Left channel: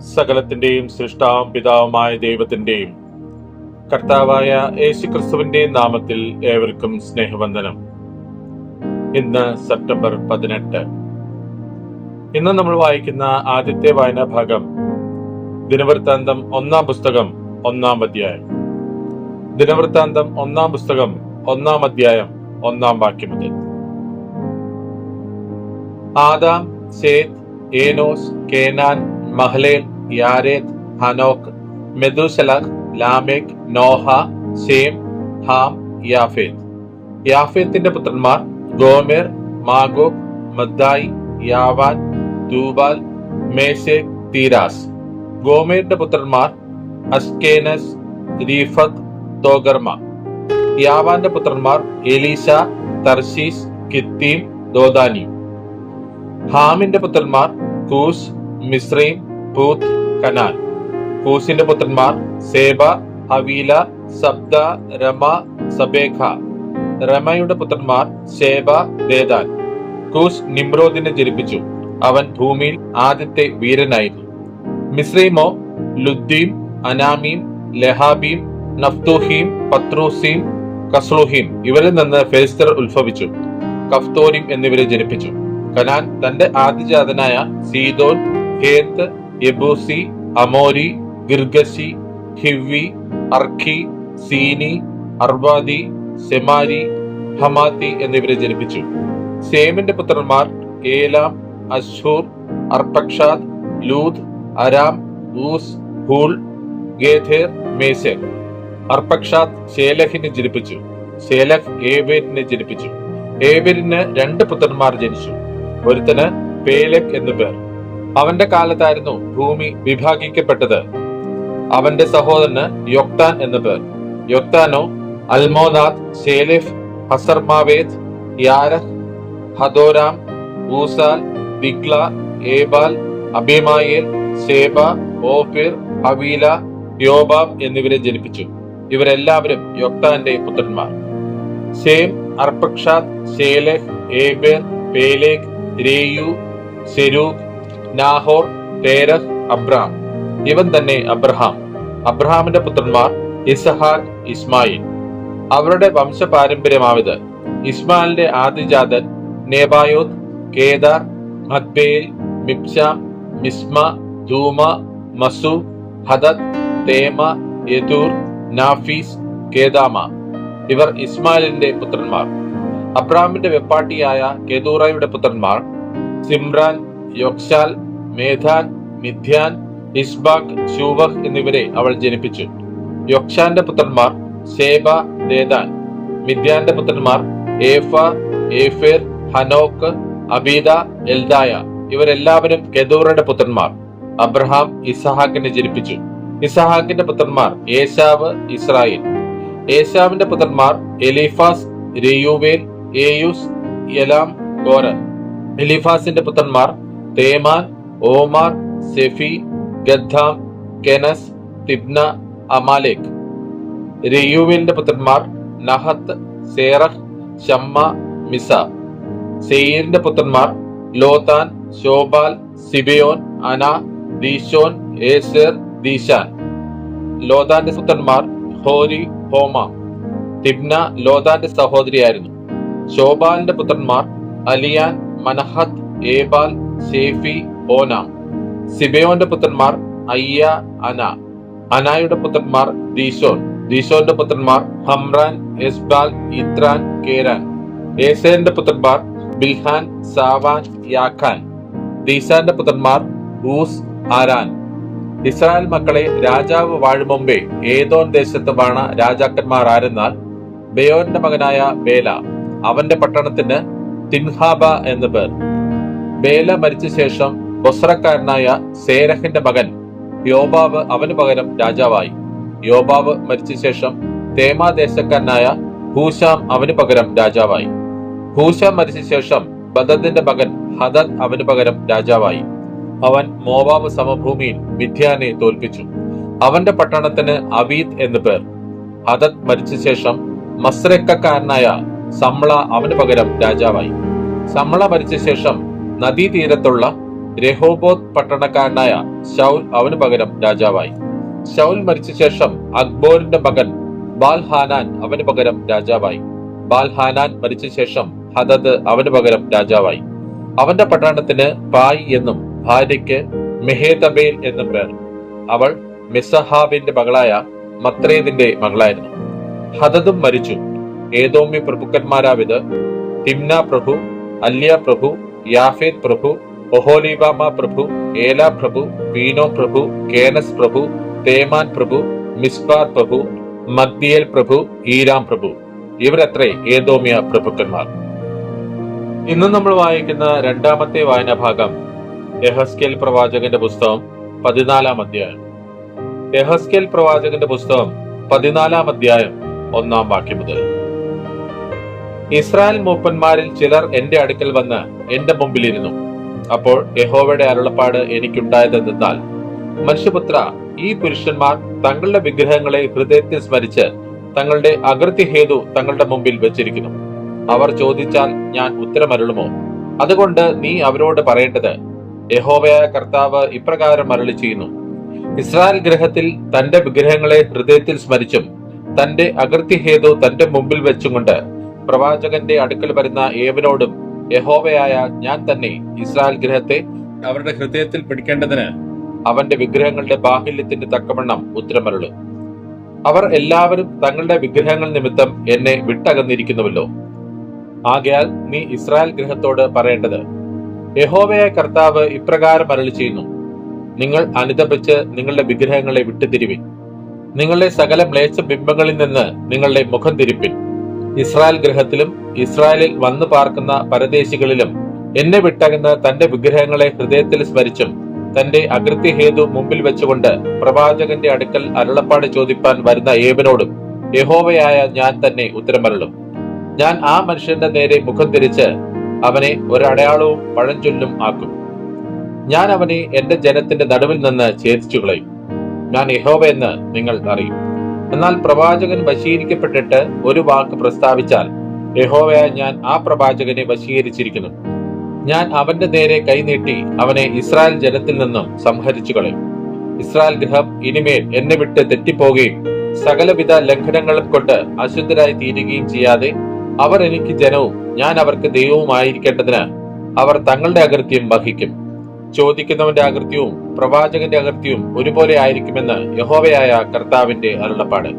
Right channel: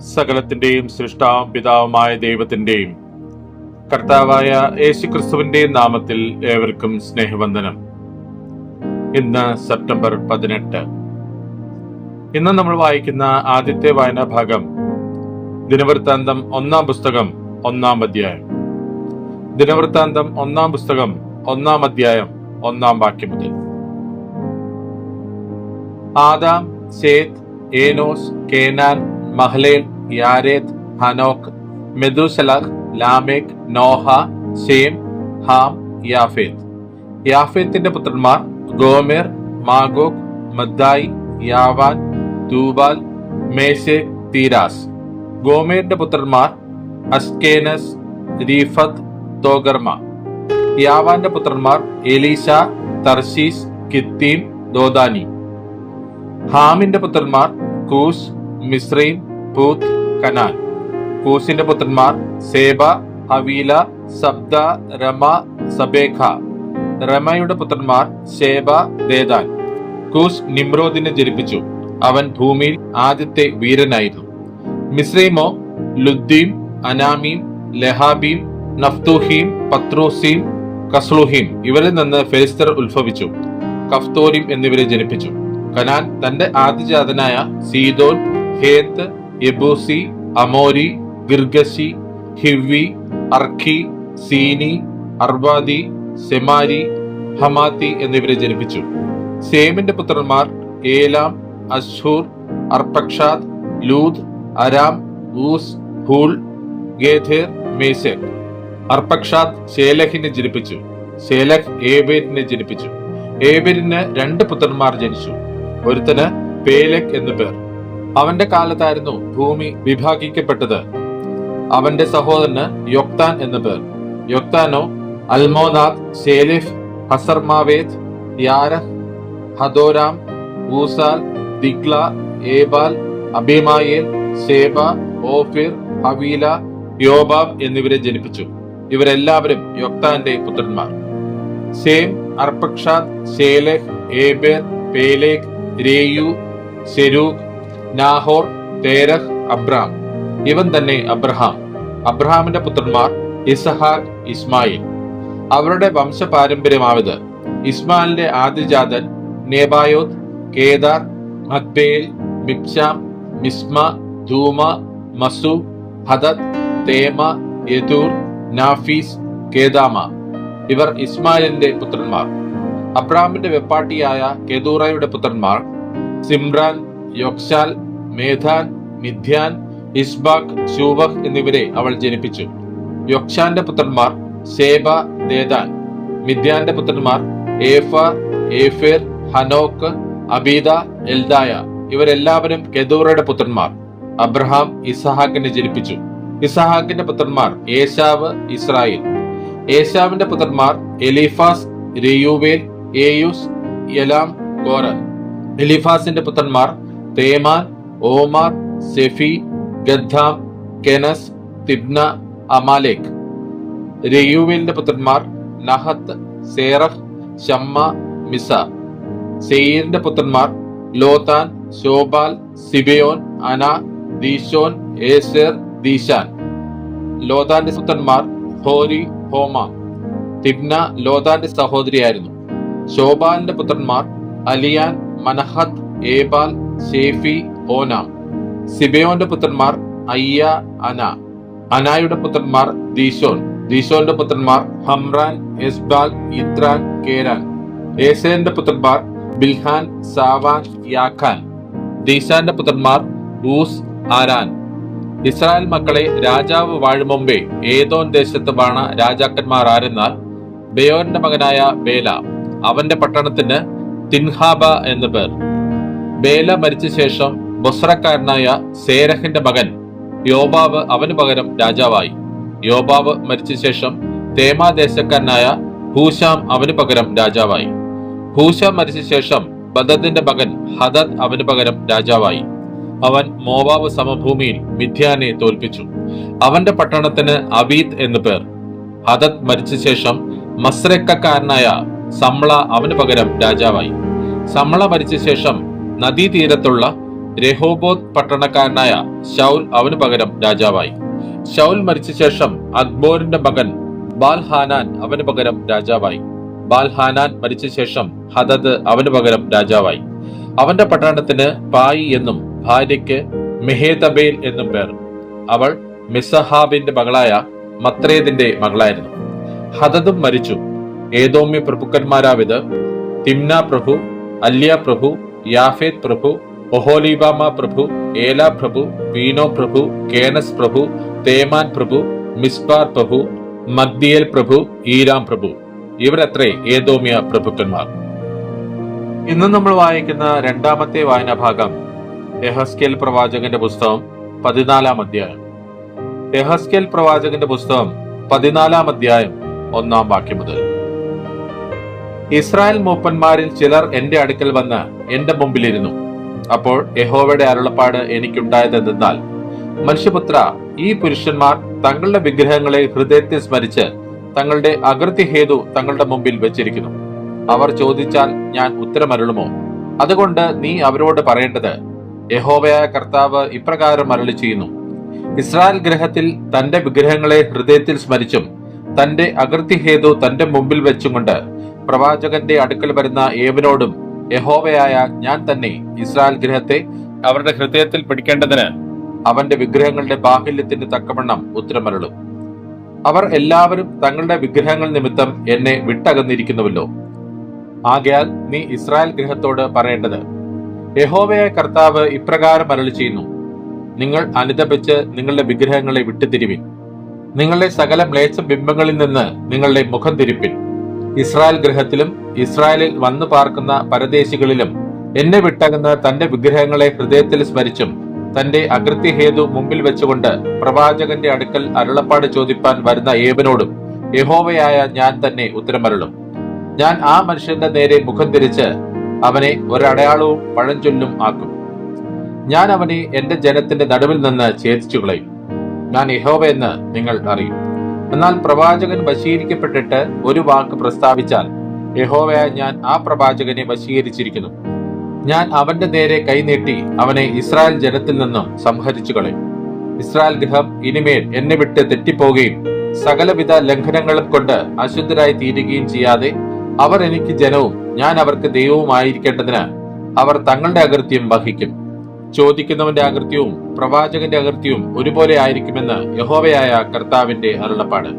സകലത്തിന്റെയും സൃഷ്ടാവും പിതാവുമായ ദൈവത്തിന്റെയും കർത്താവായ യേശുക്രിസ്തുവിന്റെ നാമത്തിൽ ഏവർക്കും സ്നേഹവന്ദനം. ഇന്ന് സെപ്റ്റംബർ പതിനെട്ട്. ഇന്ന് നമ്മൾ വായിക്കുന്ന ആദ്യത്തെ വായനാ ഭാഗം ദിനവൃത്താന്തം ഒന്നാം പുസ്തകം ഒന്നാം അധ്യായം. ദിനവൃത്താന്തം ഒന്നാം പുസ്തകം ഒന്നാം അധ്യായം ഒന്നാം വാക്യം മുതൽ. Adam Seth Enosh Kenan Mahalalel Jared Enoch Methuselah Lamech Noah Shem Ham Japheth. യാഫേത്തിന്റെ പുത്രന്മാർ ഗോമേർ മാഗോക് മദ്ദായി യാവാൻ തൂബാൽ മേശെ തീരാസ്. ഗോമേറിന്റെ പുത്രന്മാർ അസ്കേനസ് രീഫത്ത് തോഗർമ. യാവാന്റെ പുത്രന്മാർ എലീഷ തർശീസ് കിത്തീം ദോദാനി. ഹാമിന്റെ പുത്രന്മാർ കൂസ് മിശ്രൈം പൂത്ത് കനാൻ. കൂസിന്റെ പുത്രന്മാർ സേബ ഹവീല സബ്ദ രമ സബേഖ. രമയുടെ പുത്രന്മാർ സേബ ദേദാൻ കൂസ് നിമ്രോദിനെ ജനിപ്പിച്ചു. അവൻ ഭൂമിയിൽ ആദ്യത്തെ വീരനായിരുന്നു. മിശ്രീമോ ലുദ്ദീം അനാമീം ലഹാബീം നഫ്തൂഹീം പത്രൂസീം കസ്ലുഹീം ഇവരിൽ നിന്ന് ഫെലിസ്തർ ഉത്ഭവിച്ചു. കഫ്തോരിം എന്നിവരെ ജനിപ്പിച്ചു. കനാൻ തന്റെ ആദ്യജാതനായ സീദോൻ ഹേത്ത് യബൂസി അമോരി ഗിർഗശി ഹിവി അർഖി സീനി അർവാദി സെമാരി ഹമാത്തി എന്നിവരെ ജനിപ്പിച്ചു. സേമിന്റെ പുത്രന്മാർ Elam Asshur Arphaxad Lud Aram Uz Hul Gether മേസേർ. Arphaxad ശേലഹിനെ ജനിപ്പിച്ചു. ശേലഹ് ഏബേരിനെ ജനിപ്പിച്ചു. ഏബേരിന് രണ്ട് പുത്രന്മാർ ജനിച്ചു. ഒരുത്തന് പേലക് എന്നു പേർ. അവന്റെ കാലത്തായിരുന്നു ഭൂമി വിഭാഗിക്കപ്പെട്ടത്. അവന്റെ സഹോദരന് യൊക്താൻ എന്ന പേർ. യൊക്താനോ Almodad Sheleph Hazarmaveth Jerah Hadoram Uzal Diklah Ebal Abimael Sheba Ophir Havilah Jobab എന്നിവരെ ജനിപ്പിച്ചു. ഇവരെല്ലാവരും യൊക്താന്റെ പുത്രന്മാർ. Shem Arphaxad Shelah Eber Peleg Reu Serug Nahor Terah Abram. ഇവൻ തന്നെ അബ്രഹാം. അബ്രഹാമിന്റെ പുത്രന്മാർ ഇസഹാഖ് ഇസ്മായിൽ. അവരുടെ വംശപാരമ്പര്യമാവിത് ഇസ്മായിലിന്റെ ആദ്യജാതൻ നേബായോത് കേദാർ അത്ബേൽ മിപ്സാം മിസ്മ ധൂമ മസു ഹദത് തേമ യദൂർ നാഫീസ് കേദാമ. ഇവർ ഇസ്മായിലിന്റെ പുത്രന്മാർ. അബ്രഹാമിന്റെ വെപ്പാട്ടിയായ കെദൂറയുടെ പുത്രന്മാർ സിംറാൻ യൊക്ഷാൽ മേധാൻ മിഥ്യാൻ ഇസ്ബാഖ് ശൂബഹ് എന്നിവരെ അവൾ ജനിപ്പിച്ചു. യൊക്ഷാന്റെ പുത്രന്മാർ സേബ ദേദാൻ മിഥ്യാന്റെ പുത്രന്മാർ ഏഫ ഏഫേർ ഹനോക്ക് അബീദ എൽദായ. ഇവരെല്ലാവരും കെദൂറയുടെ പുത്രന്മാർ. അബ്രഹാം ഇസഹാക്കിനെ ജനിപ്പിച്ചു. ഇസഹാക്കിന്റെ പുത്രന്മാർ ഏശാവ് ഇസ്രായേൽ. ഏശാവിന്റെ പുത്രന്മാർ എലിഫാസ് രയൂവേൽ ഏയുസ് എലാം കോരൻ എലിഫാസിന്റെ പുത്രന്മാർ തേമാൻ ഓമാർ സെഫി ഗദ്ദാം കെനസ് തിബ്ന അമാലേക് രയുവിന്റെ പുത്രന്മാർ നഹത്ത് സേറഫ് ഷമ്മ മിസ. സെയീറിന്റെ പുത്രന്മാർ ലോതാൻ ശോബാൽ സിബിയോൻ അന ദീശോൻ ഏസേർ ദീശാൻ. ലോതാന്റെ പുത്രന്മാർ ഹോരി ഹോമ. തിബ്ന ലോതാന്റെ സഹോദരിയായിരുന്നു. ശോബാലിന്റെ പുത്രന്മാർ അലിയാൻ മനഹത്ത് ഏബാൽ ഷേഫി ഓനാം. സിബയോന്റെ പുത്രന്മാർ അയ്യ അന. അനായുടെ പുത്രന്മാർ ദീശോൻ. ദീശോന്റെ പുത്രന്മാർ ഹംറാൻ എസ്ബാഗ് ഇത്രാൻ കേരാൻ. ഏസേന്റെ പുത്രന്മാർ ബിൽഹാൻ സാവാൻ യാഖാൻ. ദീശാന്റെ പുത്രന്മാർ ഊസ് ആരാൻ. ഇസ്രായേൽ മക്കളെ രാജാവ് വാഴും മുമ്പേ ഏതോൻ ദേശത്ത് വാണ രാജാക്കന്മാർ ആരെന്നാൽ ബയോന്റെ മകനായ ബേല. അവന്റെ പട്ടണത്തിന് തിൻഹാബ എന്നു പേർ. ബേല മരിച്ച ശേഷം ബൊസ്രക്കാരനായ സേരഹിന്റെ മകൻ യോബാവ് അവന് പകരം രാജാവായി. യോബാവ് മരിച്ച ശേഷം തേമാദേശക്കാരനായ ഹൂശാം അവന് പകരം രാജാവായി. ഹൂശാം മരിച്ച ശേഷം ബദദിന്റെ മകൻ ഹദദ് അവന് പകരം രാജാവായി. അവൻ മോവാബ് സമഭൂമിയിൽ മിഥ്യാനെ തോൽപ്പിച്ചു. അവന്റെ പട്ടണത്തിന് അബീദ് എന്നു പേർ. ഹദദ് മരിച്ച ശേഷം മസ്രക്കക്കാരനായ സമ്ള അവന് പകരം രാജാവായി. സമ്ള മരിച്ച ശേഷം നദീതീരത്തുള്ള രഹോബോത്ത് പട്ടണക്കാരനായ ഷൗൽ അവന് പകരം രാജാവായി. ഷൗൽ മരിച്ച ശേഷം അക്ബോറിന്റെ മകൻ ബാൽഹാനാൻ അവന് പകരം രാജാവായി. ബാൽഹാനാൻ മരിച്ച ശേഷം ഹദദ് അവന് പകരം രാജാവായി. അവന്റെ പട്ടണത്തിന് പായി എന്നും ഭാര്യയ്ക്ക് മെഹേതബേൽ എന്നും പേർ. അവൾ മിസഹാബിന്റെ മകളായ മത്രേദിന്റെ മകളായിരുന്നു. ഹദദും മരിച്ചു. ഏതോമ്യ പ്രഭുക്കന്മാരാവിത് തിംന പ്രഭു അല്യ പ്രഭു യാഫേത് പ്രഭു ഒഹോലിബാമ പ്രഭു ഏല പ്രഭു വീനോ പ്രഭു കേനസ് പ്രഭു തേമാൻ പ്രഭു മിസ്ബാർ പ്രഭു മഗ്ദിയേൽ പ്രഭു ഈരാം പ്രഭു. ഇവരത്രേ ഏതോമിയ പ്രഭുക്കന്മാർ. ഇന്ന് നമ്മൾ വായിക്കുന്ന രണ്ടാമത്തെ വായനാ ഭാഗം എഹസ്കേൽ പ്രവാചകന്റെ പുസ്തകം പതിനാലാം അധ്യായം. എഹസ്കേൽ പ്രവാചകന്റെ പുസ്തകം പതിനാലാം അധ്യായം ഒന്നാം വാക്യം മുതൽ. ഇസ്രായേൽ മൂപ്പന്മാരിൽ ചിലർ എന്റെ അടുക്കൽ വന്ന് എന്റെ മുമ്പിലിരുന്നു. അപ്പോൾ യഹോവയുടെ അരുളപ്പാട് എനിക്കുണ്ടായതെന്നാൽ മനുഷ്യപുത്ര ഈ പുരുഷന്മാർ തങ്ങളുടെ വിഗ്രഹങ്ങളെ ഹൃദയത്തിൽ സ്മരിച്ച് തങ്ങളുടെ അകൃത്യഹേതു തങ്ങളുടെ മുമ്പിൽ വെച്ചിരിക്കുന്നു. അവർ ചോദിച്ചാൽ ഞാൻ ഉത്തരമരുളുമോ? അതുകൊണ്ട് നീ അവരോട് പറയേണ്ടത് യഹോവയായ കർത്താവ് ഇപ്രകാരം അരളി ചെയ്യുന്നു ഇസ്രായേൽ ഗ്രഹത്തിൽ തന്റെ വിഗ്രഹങ്ങളെ ഹൃദയത്തിൽ സ്മരിച്ചും തന്റെ അകൃത്യഹേതു തന്റെ മുമ്പിൽ വെച്ചുകൊണ്ട് പ്രവാചകന്റെ അടുക്കൽ വരുന്ന ഏവനോടും യഹോവയായ ഞാൻ തന്നെ ഇസ്രായേൽ ഗ്രഹത്തെ അവരുടെ ഹൃദയത്തിൽ പിടിക്കേണ്ടതിന് അവന്റെ വിഗ്രഹങ്ങളുടെ ബാഹുല്യത്തിന്റെ തക്കവണ്ണം ഉത്തരമരുളും. അവർ എല്ലാവരും തങ്ങളുടെ വിഗ്രഹങ്ങൾ നിമിത്തം എന്നെ വിട്ടകന്നിരിക്കുന്നുവല്ലോ. ആകയാൽ നീ ഇസ്രായേൽ ഗൃഹത്തോട് പറയേണ്ടത് യഹോവയെ കർത്താവ് ഇപ്രകാരം അരളി ചെയ്യുന്നു നിങ്ങൾ അനുദപിച്ച് നിങ്ങളുടെ വിഗ്രഹങ്ങളെ വിട്ടുതിരിവിൻ. നിങ്ങളുടെ സകല മ്ലേച്ഛ ബിംബങ്ങളിൽ നിന്ന് നിങ്ങളുടെ മുഖം തിരിപ്പിൻ. ഇസ്രായേൽ ഗ്രഹത്തിലും ഇസ്രായേലിൽ വന്നു പാർക്കുന്ന പരദേശികളിലും എന്നെ വിട്ടകന്ന് തന്റെ വിഗ്രഹങ്ങളെ ഹൃദയത്തിൽ സ്മരിച്ചും തന്റെ അകൃത്യഹേതു മുമ്പിൽ വെച്ചുകൊണ്ട് പ്രവാചകന്റെ അടുക്കൽ അരുളപ്പാട് ചോദിപ്പാൻ വരുന്ന ഏവനോടും യഹോവയായ ഞാൻ തന്നെ ഉത്തരമരുളും. ഞാൻ ആ മനുഷ്യന്റെ നേരെ മുഖം തിരിച്ച് അവനെ ഒരടയാളവും പഴഞ്ചൊല്ലും ആക്കും. ഞാൻ അവനെ എന്റെ ജനത്തിന്റെ നടുവിൽ നിന്ന് ഛേദിച്ചു കളയും ഞാൻ യഹോവയെന്ന് നിങ്ങൾ അറിയും. എന്നാൽ പ്രവാചകൻ വശീകരിക്കപ്പെട്ടിട്ട് ഒരു വാക്ക് പ്രസ്താവിച്ചാൽ യഹോവയായ ഞാൻ ആ പ്രവാചകനെ വശീകരിച്ചിരിക്കുന്നു. ഞാൻ അവന്റെ നേരെ കൈനീട്ടി അവനെ ഇസ്രായേൽ ജനത്തിൽ നിന്നും സംഹരിച്ചു കളയും ഇസ്രായേൽ ഗൃഹം ഇനിമേൽ എന്നെ വിട്ട് തെറ്റിപ്പോകുകയും സകലവിധ ലംഘനങ്ങളും കൊണ്ട് അശുദ്ധരായി തീരുകയും ചെയ്യാതെ അവർ എനിക്ക് ജനവും ഞാൻ അവർക്ക് ദൈവവുമായിരിക്കേണ്ടതിന് അവർ തങ്ങളുടെ അകൃത്യം വഹിക്കും. ചോദിക്കുന്നവന്റെ അകൃത്യവും പ്രവാചകന്റെ അകൃത്യവും ഒരുപോലെ ആയിരിക്കുമെന്ന് യഹോവയായ കർത്താവിന്റെ അരുളപ്പാട്.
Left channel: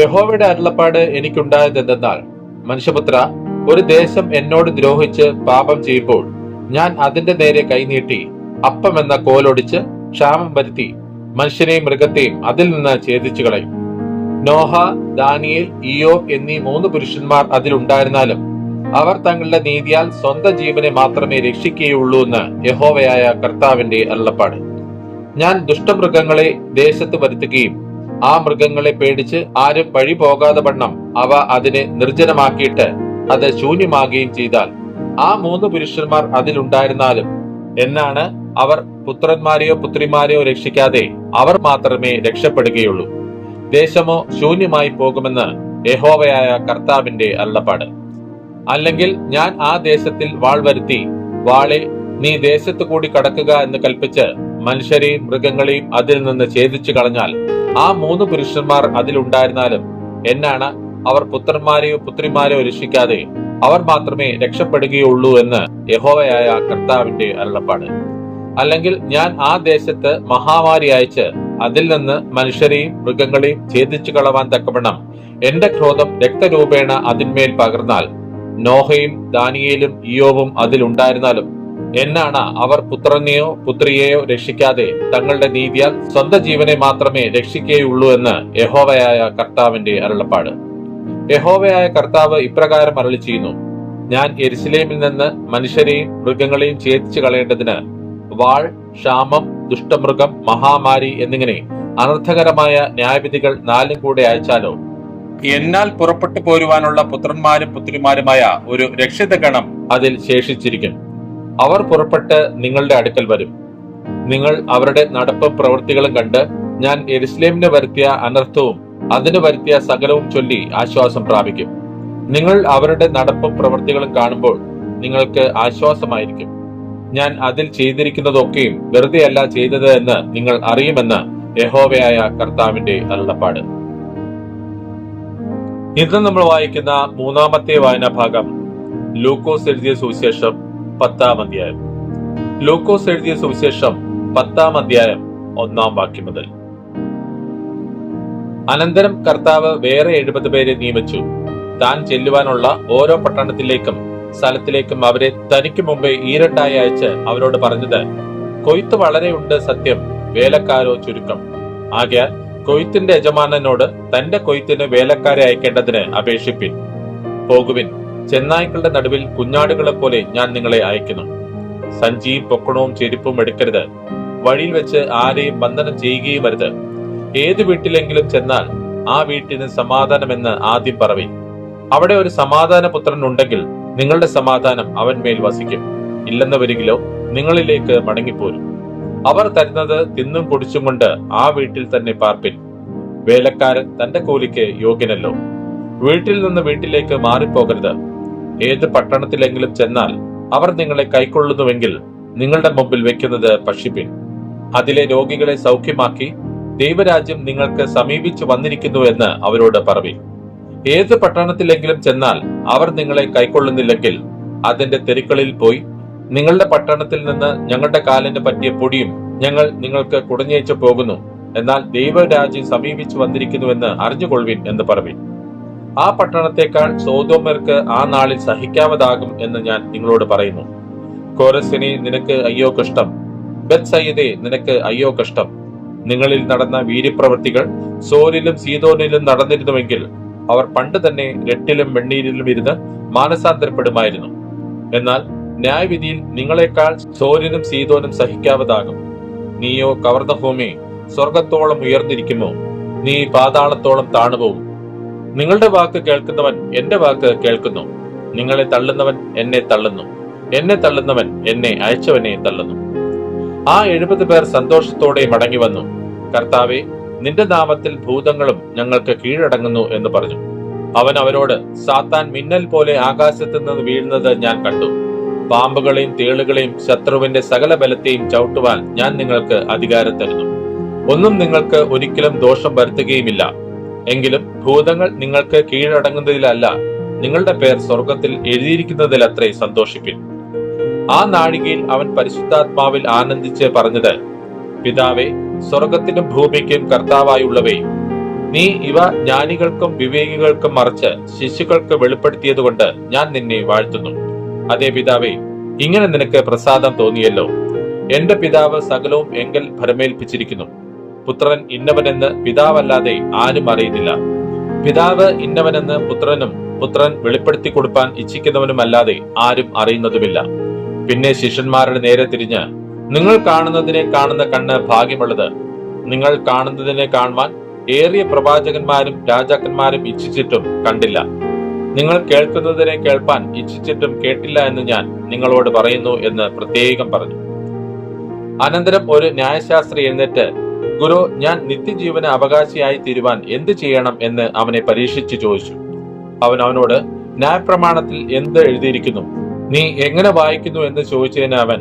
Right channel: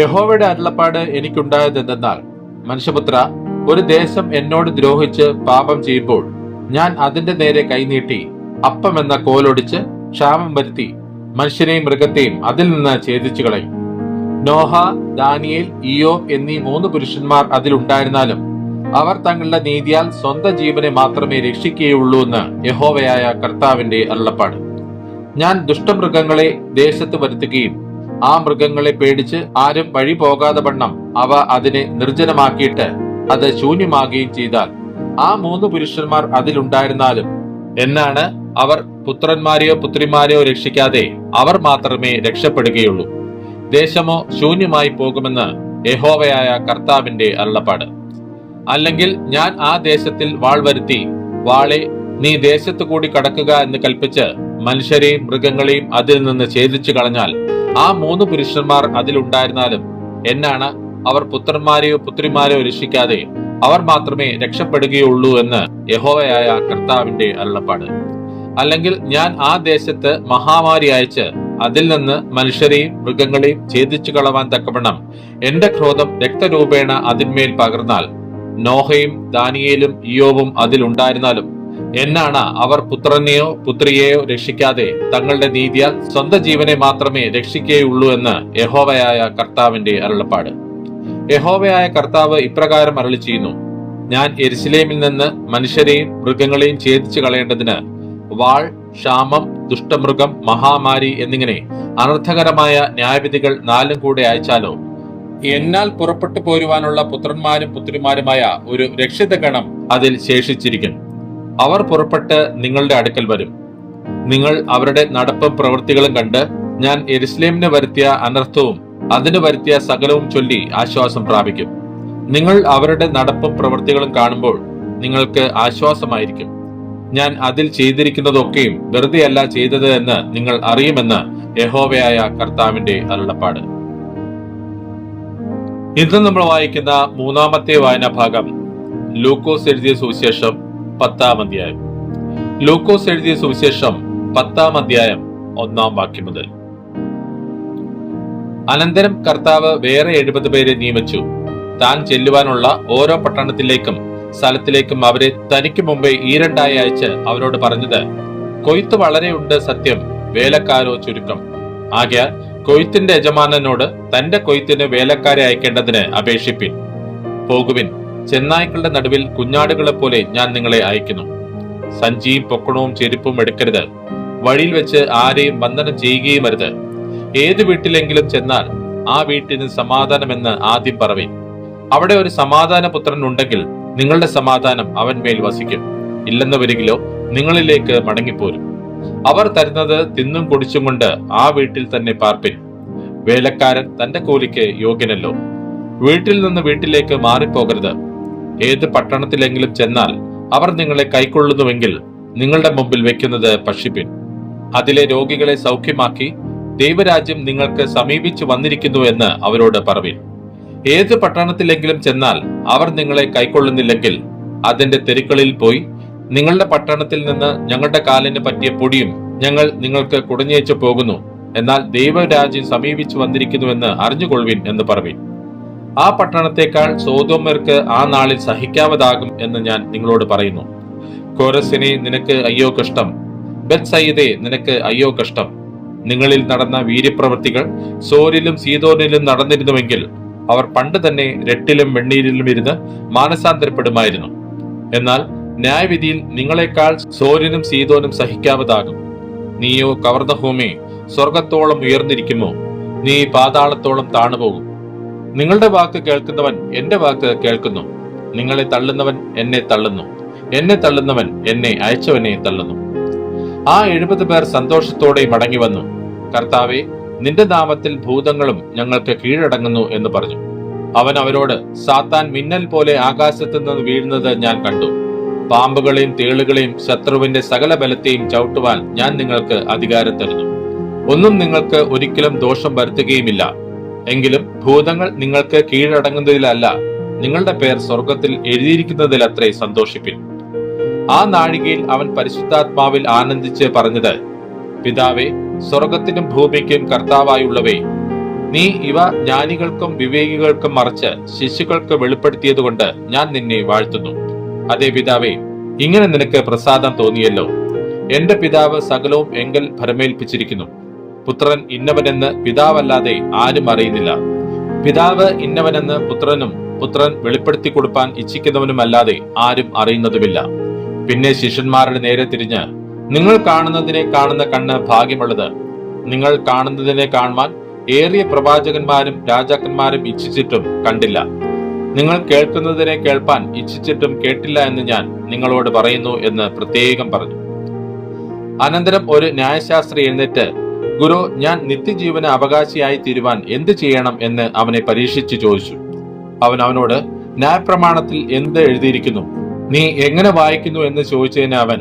യഹോവയുടെ അരുളപ്പാട് എനിക്കുണ്ടായത് എന്തെന്നാൽ മനുഷ്യപുത്ര ഒരു ദേശം എന്നോട് ദ്രോഹിച്ച് പാപം ചെയ്യുമ്പോൾ ഞാൻ അതിന്റെ നേരെ കൈനീട്ടി അപ്പം എന്ന കോലൊടിച്ച് ക്ഷാമം വരുത്തി മനുഷ്യനെയും മൃഗത്തെയും അതിൽ നിന്ന് ഛേദിച്ചു കളയും നോഹ ദാനിയേൽ ഇയോ എന്നീ മൂന്ന് പുരുഷന്മാർ അതിലുണ്ടായിരുന്നാലും അവർ തങ്ങളുടെ നീതിയാൽ സ്വന്തം ജീവനെ മാത്രമേ രക്ഷിക്കുകയുള്ളൂ എന്ന് യഹോവയായ കർത്താവിന്റെ അള്ളപ്പാട് ഞാൻ ദുഷ്ടമൃഗങ്ങളെ ദേശത്ത് വരുത്തുകയും ആ മൃഗങ്ങളെ പേടിച്ച് ആരും വഴി പോകാതെ വണ്ണം അവ അതിനെ നിർജനമാക്കിയിട്ട് അത് ശൂന്യമാകുകയും ചെയ്താൽ ആ മൂന്ന് പുരുഷന്മാർ അതിലുണ്ടായിരുന്നാലും എന്നാണ് അവർ പുത്രന്മാരെയോ പുത്രിമാരെയോ രക്ഷിക്കാതെ അവർ മാത്രമേ രക്ഷപ്പെടുകയുള്ളൂ. ദേശമോ ശൂന്യമായി പോകുമെന്ന് യഹോവയായ കർത്താവിന്റെ അരുളപ്പാട്. അല്ലെങ്കിൽ ഞാൻ ആ ദേശത്തിൽ വാൾ വരുത്തി വാളെ നീ ദേശത്തു കൂടി കടക്കുക എന്ന് കൽപ്പിച്ച് മനുഷ്യരെയും മൃഗങ്ങളെയും അതിൽ നിന്ന് ഛേദിച്ചു കളഞ്ഞാൽ ആ മൂന്ന് പുരുഷന്മാർ അതിലുണ്ടായിരുന്നാലും എന്നാണ് അവർ പുത്രന്മാരെയോ പുത്രിമാരെയോ രക്ഷിക്കാതെ അവർ മാത്രമേ രക്ഷപ്പെടുകയുള്ളൂ എന്ന് യഹോവയായ കർത്താവിന്റെ അരുളപ്പാട്. അല്ലെങ്കിൽ ഞാൻ ആ ദേശത്ത് മഹാമാരി അയച്ച് അതിൽ നിന്ന് മനുഷ്യരെയും മൃഗങ്ങളെയും ഛേദിച്ചു കളവാൻ തക്കവണ്ണം എന്റെ ക്രോധം രക്തരൂപേണ അതിന്മേൽ പകർന്നാൽ നോഹയും ദാനിയേലും ഇയോവും അതിലുണ്ടായിരുന്നാലും എന്നാണ് അവർ പുത്രനെയോ പുത്രിയെയോ രക്ഷിക്കാതെ തങ്ങളുടെ നീതിയാൽ സ്വന്തം ജീവനെ മാത്രമേ രക്ഷിക്കുകയുള്ളൂ എന്ന് യഹോവയായ കർത്താവിന്റെ അരുളപ്പാട്. യഹോവയായ കർത്താവ് ഇപ്രകാരം അരളി ചെയ്യുന്നു ഞാൻ എരുസലേമിൽ നിന്ന് മനുഷ്യരെയും മൃഗങ്ങളെയും ഛേദിച്ചു കളയേണ്ടതിന് വാൾ ക്ഷാമം ദുഷ്ടമൃഗം മഹാമാരി എന്നിങ്ങനെ അനർത്ഥകരമായ ന്യായവിധികൾ നാലും കൂടെ അയച്ചാലോ? എന്നാൽ പുറപ്പെട്ടു പോരുവാനുള്ള പുത്രന്മാരും പുത്രിമാരുമായ ഒരു രക്ഷിത ഗണം അതിൽ ശേഷിച്ചിരിക്കും. അവർ പുറപ്പെട്ട് നിങ്ങളുടെ അടുക്കൽ വരും. നിങ്ങൾ അവരുടെ നടപ്പും പ്രവൃത്തികളും കണ്ട് ഞാൻ എരുസ്ലേമിന് വരുത്തിയ അനർത്ഥവും അതിന് വരുത്തിയ സകലവും ചൊല്ലി ആശ്വാസം പ്രാപിക്കും. നിങ്ങൾ അവരുടെ നടപ്പും പ്രവൃത്തികളും കാണുമ്പോൾ നിങ്ങൾക്ക് ആശ്വാസമായിരിക്കും. ഞാൻ അതിൽ ചെയ്തിരിക്കുന്നതൊക്കെയും വെറുതെയല്ല ചെയ്തത് എന്ന് നിങ്ങൾ അറിയുമെന്ന് യഹോവയായ കർത്താവിന്റെ അരുളപ്പാട്. ഇന്ന് നമ്മൾ വായിക്കുന്ന മൂന്നാമത്തെ വായനാ ഭാഗം ലൂക്കോസ് എഴുതിയ സുവിശേഷം പത്താം അധ്യായം. ലൂക്കോസ് എഴുതിയ സുവിശേഷം പത്താം അധ്യായം ഒന്നാം വാക്യം മുതൽ. അനന്തരം കർത്താവ് വേറെ എഴുപത് പേരെ നിയമിച്ചു. താൻ ചെല്ലുവാനുള്ള ഓരോ പട്ടണത്തിലേക്കും സ്ഥലത്തിലേക്കും അവരെ തനിക്ക് മുമ്പേ ഈരണ്ടായി അയച്ച് അവരോട് പറഞ്ഞത് കൊയ്ത്ത് വളരെയുണ്ട് സത്യം വേലക്കാരോ ചുരുക്കം. ആകയാൽ കൊയ്ത്തിന്റെ യജമാനനോട് തന്റെ കൊയ്ത്തിന് വേലക്കാരെ അയക്കേണ്ടതിന് അപേക്ഷിപ്പിൻ. പോകുവിൻ. ചെന്നായ്ക്കളുടെ നടുവിൽ കുഞ്ഞാടുകളെ പോലെ ഞാൻ നിങ്ങളെ അയക്കുന്നു. സഞ്ചിയും പൊക്കണവും ചെരുപ്പും എടുക്കരുത്. വഴിയിൽ വെച്ച് ആരെയും വന്ദനം ചെയ്യുകയും അരുത്. ഏത് വീട്ടിലെങ്കിലും ചെന്നാൽ ആ വീട്ടിന് സമാധാനമെന്ന് ആദ്യം പറവി അവിടെ ഒരു സമാധാന പുത്രൻ ഉണ്ടെങ്കിൽ നിങ്ങളുടെ സമാധാനം അവൻ മേൽ വസിക്കും. ഇല്ലെന്ന് വരികിലോ നിങ്ങളിലേക്ക് മടങ്ങിപ്പോരും. അവർ തരുന്നത് തിന്നും കുടിച്ചും കൊണ്ട് ആ വീട്ടിൽ തന്നെ പാർപ്പിൻ. വേലക്കാരൻ തന്റെ കൂലിക്ക് യോഗ്യനല്ലോ. വീട്ടിൽ നിന്ന് വീട്ടിലേക്ക് മാറിപ്പോകരുത്. ഏത് പട്ടണത്തിലെങ്കിലും ചെന്നാൽ അവർ നിങ്ങളെ കൈക്കൊള്ളുന്നുവെങ്കിൽ നിങ്ങളുടെ മുമ്പിൽ വെക്കുന്നത് പക്ഷിപ്പിൻ. അതിലെ രോഗികളെ സൗഖ്യമാക്കി ദൈവരാജ്യം നിങ്ങൾക്ക് സമീപിച്ചു വന്നിരിക്കുന്നു എന്ന് അവരോട് പറവിൻ. ഏത് പട്ടണത്തിലെങ്കിലും ചെന്നാൽ അവർ നിങ്ങളെ കൈക്കൊള്ളുന്നില്ലെങ്കിൽ അതിന്റെ തെരുക്കളിൽ പോയി നിങ്ങളുടെ പട്ടണത്തിൽ നിന്ന് ഞങ്ങളുടെ കാലിന് പറ്റിയ പൊടിയും ഞങ്ങൾ നിങ്ങൾക്ക് കുടഞ്ഞേച്ചു പോകുന്നു. എന്നാൽ ദൈവരാജ്യം സമീപിച്ചു വന്നിരിക്കുന്നുവെന്ന് അറിഞ്ഞുകൊള്ളുവിൻ എന്ന് പറവിൻ. ആ പട്ടണത്തെക്കാൾ സോതോമർക്ക് ആ നാളിൽ സഹിക്കാവതാകും എന്ന് ഞാൻ നിങ്ങളോട് പറയുന്നു. കോരസിനെ നിനക്ക് അയ്യോ കഷ്ടം. ബത്സയ്യദേ നിനക്ക് അയ്യോ കഷ്ടം. നിങ്ങളിൽ നടന്ന വീര്യപ്രവൃത്തികൾ സോരിലും സീതോനിലും നടന്നിരുന്നുവെങ്കിൽ അവർ പണ്ട് തന്നെ രട്ടിലും വെണ്ണീരിലും ഇരുന്ന് മാനസാന്തരപ്പെടുമായിരുന്നു. എന്നാൽ ന്യായവിധിയിൽ നിങ്ങളെക്കാൾ സോര്യനും സീതോനും സഹിക്കാവതാകും. നീയോ കവർദ്ധഭൂമി സ്വർഗത്തോളം ഉയർന്നിരിക്കുമോ? നീ പാതാളത്തോളം താണുപോകും. നിങ്ങളുടെ വാക്ക് കേൾക്കുന്നവൻ എന്റെ വാക്ക് കേൾക്കുന്നു. നിങ്ങളെ തള്ളുന്നവൻ എന്നെ തള്ളുന്നു. എന്നെ തള്ളുന്നവൻ എന്നെ അയച്ചവനെ തള്ളുന്നു. ആ എഴുപത് പേർ സന്തോഷത്തോടെ മടങ്ങി വന്നു. കർത്താവെ നിന്റെ നാമത്തിൽ ഭൂതങ്ങളും ഞങ്ങൾക്ക് കീഴടങ്ങുന്നു എന്ന് പറഞ്ഞു. അവൻ അവരോട് സാത്താൻ മിന്നൽ പോലെ ആകാശത്ത് നിന്ന് വീഴുന്നത് ഞാൻ കണ്ടു. പാമ്പുകളെയും തേളുകളെയും ശത്രുവിന്റെ സകല ബലത്തെയും ചവിട്ടുവാൻ ഞാൻ നിങ്ങൾക്ക് അധികാരം തരുന്നു. ഒന്നും നിങ്ങൾക്ക് ഒരിക്കലും ദോഷം വരുത്തുകയുമില്ല. എങ്കിലും ഭൂതങ്ങൾ നിങ്ങൾക്ക് കീഴടങ്ങുന്നതിലല്ല നിങ്ങളുടെ പേർ സ്വർഗത്തിൽ എഴുതിയിരിക്കുന്നതിലത്രേ സന്തോഷിപ്പിൻ. ആ നാഴികയിൽ അവൻ പരിശുദ്ധാത്മാവിൽ ആനന്ദിച്ച് പറഞ്ഞത് പിതാവേ സ്വർഗത്തിനും ഭൂമിക്കും കർത്താവായുള്ളവേ നീ ഇവ ജ്ഞാനികൾക്കും വിവേകികൾക്കും മറിച്ച് ശിശുക്കൾക്ക് വെളിപ്പെടുത്തിയതുകൊണ്ട് ഞാൻ നിന്നെ വാഴ്ത്തുന്നു. അതെ പിതാവേ ഇങ്ങനെ നിനക്ക് പ്രസാദം തോന്നിയല്ലോ. എന്റെ പിതാവ് സകലവും എങ്കൽ ഭരമേൽപ്പിച്ചിരിക്കുന്നു. പുത്രൻ ഇന്നവനെന്ന് പിതാവല്ലാതെ ആരും അറിയുന്നില്ല. പിതാവ് ഇന്നവനെന്ന് പുത്രനും പുത്രൻ വെളിപ്പെടുത്തി കൊടുപ്പാൻ ഇച്ഛിക്കുന്നവനുമല്ലാതെ ആരും അറിയുന്നതുമില്ല. പിന്നെ ശിഷ്യന്മാരുടെ നേരെ തിരിഞ്ഞ് നിങ്ങൾ കാണുന്നതിനെ കാണുന്ന കണ്ണ് ഭാഗ്യമുള്ളത്. നിങ്ങൾ കാണുന്നതിനെ കാണുവാൻ ഏറിയ പ്രവാചകന്മാരും രാജാക്കന്മാരും ഇച്ഛിച്ചിട്ടും കണ്ടില്ല. നിങ്ങൾ കേൾക്കുന്നതിനെ കേൾപ്പാൻ ഇച്ഛിച്ചിട്ടും കേട്ടില്ല എന്ന് ഞാൻ നിങ്ങളോട് പറയുന്നു എന്ന് പ്രത്യേകം പറഞ്ഞു. അനന്തരം ഒരു ന്യായശാസ്ത്രി എന്നിട്ട് ഗുരു ഞാൻ നിത്യജീവന അവകാശിയായി തീരുവാൻ എന്ത് ചെയ്യണം എന്ന് അവനെ പരീക്ഷിച്ചു ചോദിച്ചു. അവൻ അവനോട് ന്യായപ്രമാണത്തിൽ എന്ത് എഴുതിയിരിക്കുന്നു? നീ എങ്ങനെ വായിക്കുന്നു എന്ന് ചോദിച്ചതിന് അവൻ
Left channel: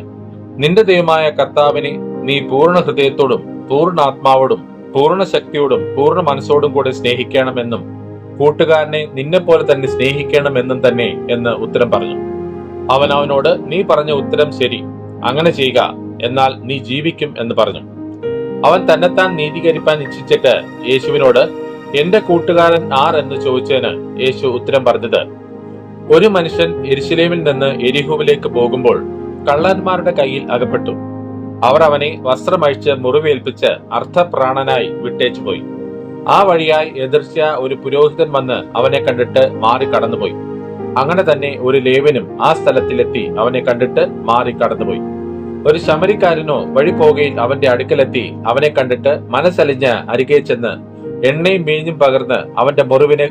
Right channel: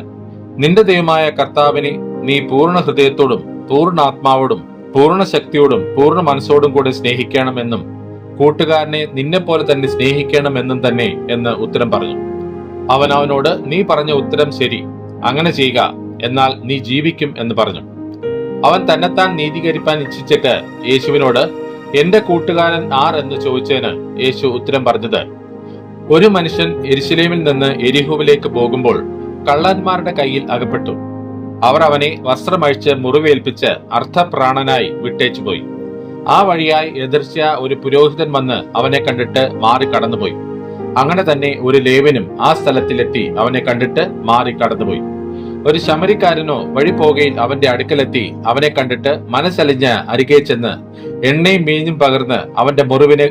നിന്റെ ദൈവമായ കർത്താവിനെ നീ പൂർണ ഹൃദയത്തോടും പൂർണ ആത്മാവോടും പൂർണ ശക്തിയോടും പൂർണ മനസ്സോടും കൂടെ സ്നേഹിക്കണമെന്നും കൂട്ടുകാരനെ നിന്നെപ്പോലെ തന്നെ സ്നേഹിക്കണമെന്നും തന്നെ എന്ന് ഉത്തരം പറഞ്ഞു. അവൻ അവനോട് നീ പറഞ്ഞ ഉത്തരം ശരി. അങ്ങനെ ചെയ്യുക. എന്നാൽ നീ ജീവിക്കും എന്ന് പറഞ്ഞു. അവൻ തന്നെത്താൻ നീതീകരിപ്പാൻ ഇച്ഛിച്ചിട്ട് യേശുവിനോട് എന്റെ കൂട്ടുകാരൻ ആർ? എന്ന് ചോദിച്ചതിന് യേശു ഉത്തരം പറഞ്ഞത് ഒരു മനുഷ്യൻ എരിശിലേമിൽ നിന്ന് എരിഹുവിലേക്ക് പോകുമ്പോൾ കള്ളന്മാരുടെ കയ്യിൽ അകപ്പെട്ടു. അവർ അവനെ വസ്ത്രമഴിച്ച് മുറിവേൽപ്പിച്ച് അർത്ഥപ്രാണനായി വിട്ടേച്ചുപോയി. ആ വഴിയായി എതിർച്ച ഒരു പുരോഹിതൻ വന്ന് അവനെ കണ്ടിട്ട് മാറി കടന്നുപോയി. അങ്ങനെ തന്നെ ഒരു ലേവനും ആ സ്ഥലത്തിലെത്തി അവനെ കണ്ടിട്ട് മാറി കടന്നുപോയി. ഒരു ശമരിക്കാരനോ വഴി പോകയിൽ അവന്റെ അടുക്കലെത്തി അവനെ കണ്ടിട്ട് മനസ്സലിഞ്ഞ് അരികെ ചെന്ന് എണ്ണയും മീഞ്ഞും പകർന്ന് അവന്റെ മുറിവിനെ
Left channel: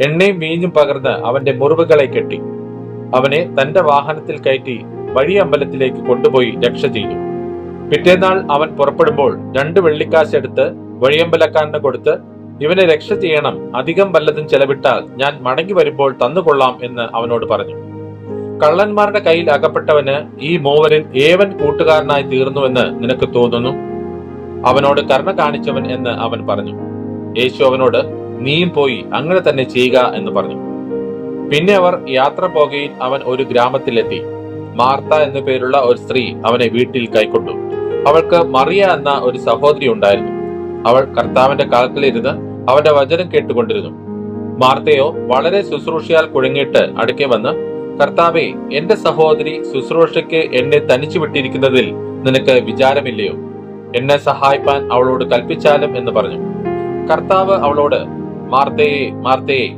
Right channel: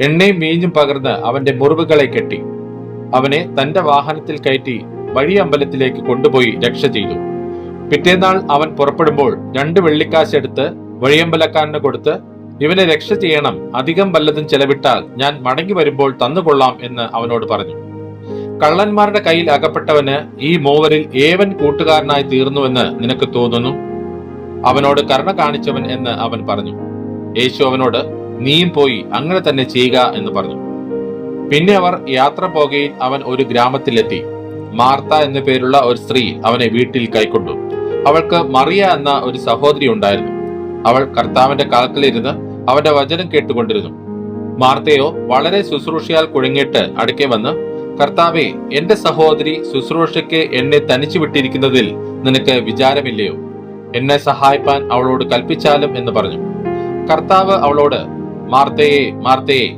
എണ്ണയും മീഞ്ഞും പകർന്ന് അവന്റെ മുറിവുകളെ കെട്ടി. അവനെ തന്റെ വാഹനത്തിൽ കയറ്റി വഴി അമ്പലത്തിലേക്ക് കൊണ്ടുപോയി രക്ഷ ചെയ്തു. പിറ്റേന്നാൾ അവൻ പുറപ്പെടുമ്പോൾ രണ്ട് വെള്ളിക്കാശ് എടുത്ത് വഴിയമ്പലക്കാരന് കൊടുത്ത് ഇവനെ രക്ഷ ചെയ്യണം അധികം വല്ലതും ചെലവിട്ടാൽ ഞാൻ മടങ്ങി വരുമ്പോൾ തന്നുകൊള്ളാം എന്ന് അവനോട് പറഞ്ഞു. കള്ളന്മാരുടെ കയ്യിൽ അകപ്പെട്ടവന് ഈ മൂവരിൽ ഏവൻ കൂട്ടുകാരനായി തീർന്നുവെന്ന് നിനക്ക് തോന്നുന്നു? അവനോട് കരുണ കാണിച്ചവൻ എന്ന് അവൻ പറഞ്ഞു. യേശു അവനോട് നീയും പോയി അങ്ങനെ തന്നെ ചെയ്യുക എന്ന് പറഞ്ഞു. പിന്നെ അവർ യാത്ര പോകയിൽ അവൻ ഒരു ഗ്രാമത്തിലെത്തി. മാർത്ത എന്നു പേരുള്ള ഒരു സ്ത്രീ അവനെ വീട്ടിൽ കൈക്കൊണ്ടു. അവൾക്ക് മറിയ എന്ന ഒരു സഹോദരി ഉണ്ടായിരുന്നു. അവൾ കർത്താവിന്റെ കാൽക്കലിരുന്ന് അവന്റെ വചനം കേട്ടുകൊണ്ടിരുന്നു. മാർത്തയോ വളരെ ശുശ്രൂഷയാൽ കുഴങ്ങിയിട്ട് അടുക്കെ വന്ന് കർത്താവെ എന്റെ സഹോദരി ശുശ്രൂഷയ്ക്ക് എന്നെ തനിച്ചു വിട്ടിരിക്കുന്നതിൽ നിനക്ക് വിചാരമില്ലയോ? എന്നെ സഹായിപ്പാൻ അവളോട് കൽപ്പിച്ചാലും എന്ന് പറഞ്ഞു. കർത്താവ് അവളോട് മാർത്തയെ മാർത്തയെ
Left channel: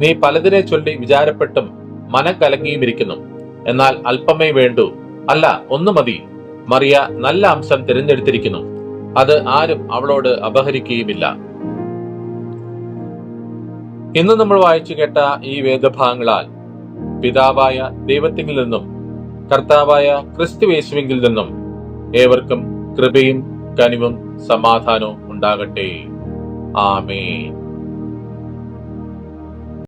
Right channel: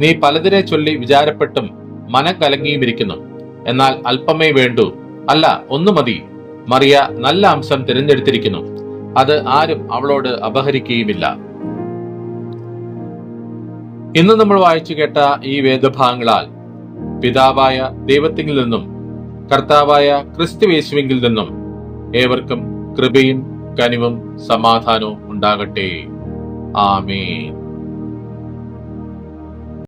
നീ പലതിനെ ചൊല്ലി വിചാരപ്പെട്ടും മനം കലങ്ങിയുമിരിക്കുന്നു. എന്നാൽ അല്പമേ വേണ്ടു. അല്ല ഒന്നു മതി. മറിയ നല്ല അംശം തിരഞ്ഞെടുത്തിരിക്കുന്നു. അത് ആരും അവളോട് അപഹരിക്കുകയുമില്ല. ഇന്ന് നമ്മൾ വായിച്ചു കേട്ട ഈ വേദഭാഗങ്ങളാൽ പിതാവായ ദൈവത്തിൽ നിന്നും കർത്താവായ ക്രിസ്തുവേശുവിങ്കിൽ നിന്നും ഏവർക്കും കൃപയും കനിവും സമാധാനവും ഉണ്ടാകട്ടെ. ആമേൻ.